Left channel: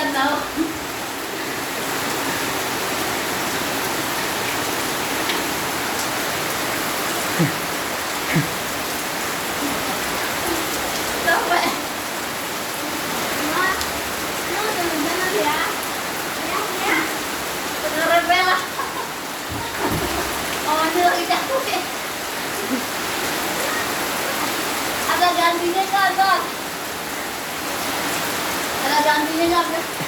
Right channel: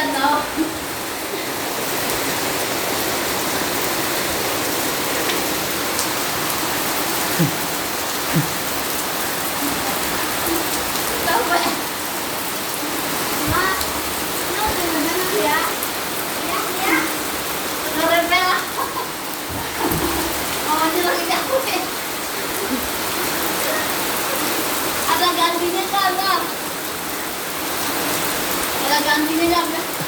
yan tau. Sampai. Ma, ano jangan ya? Ya. Rebel. Oh, ini lagi aku sih. Ada gantinya kan, Bang? Ada gantinya nggak?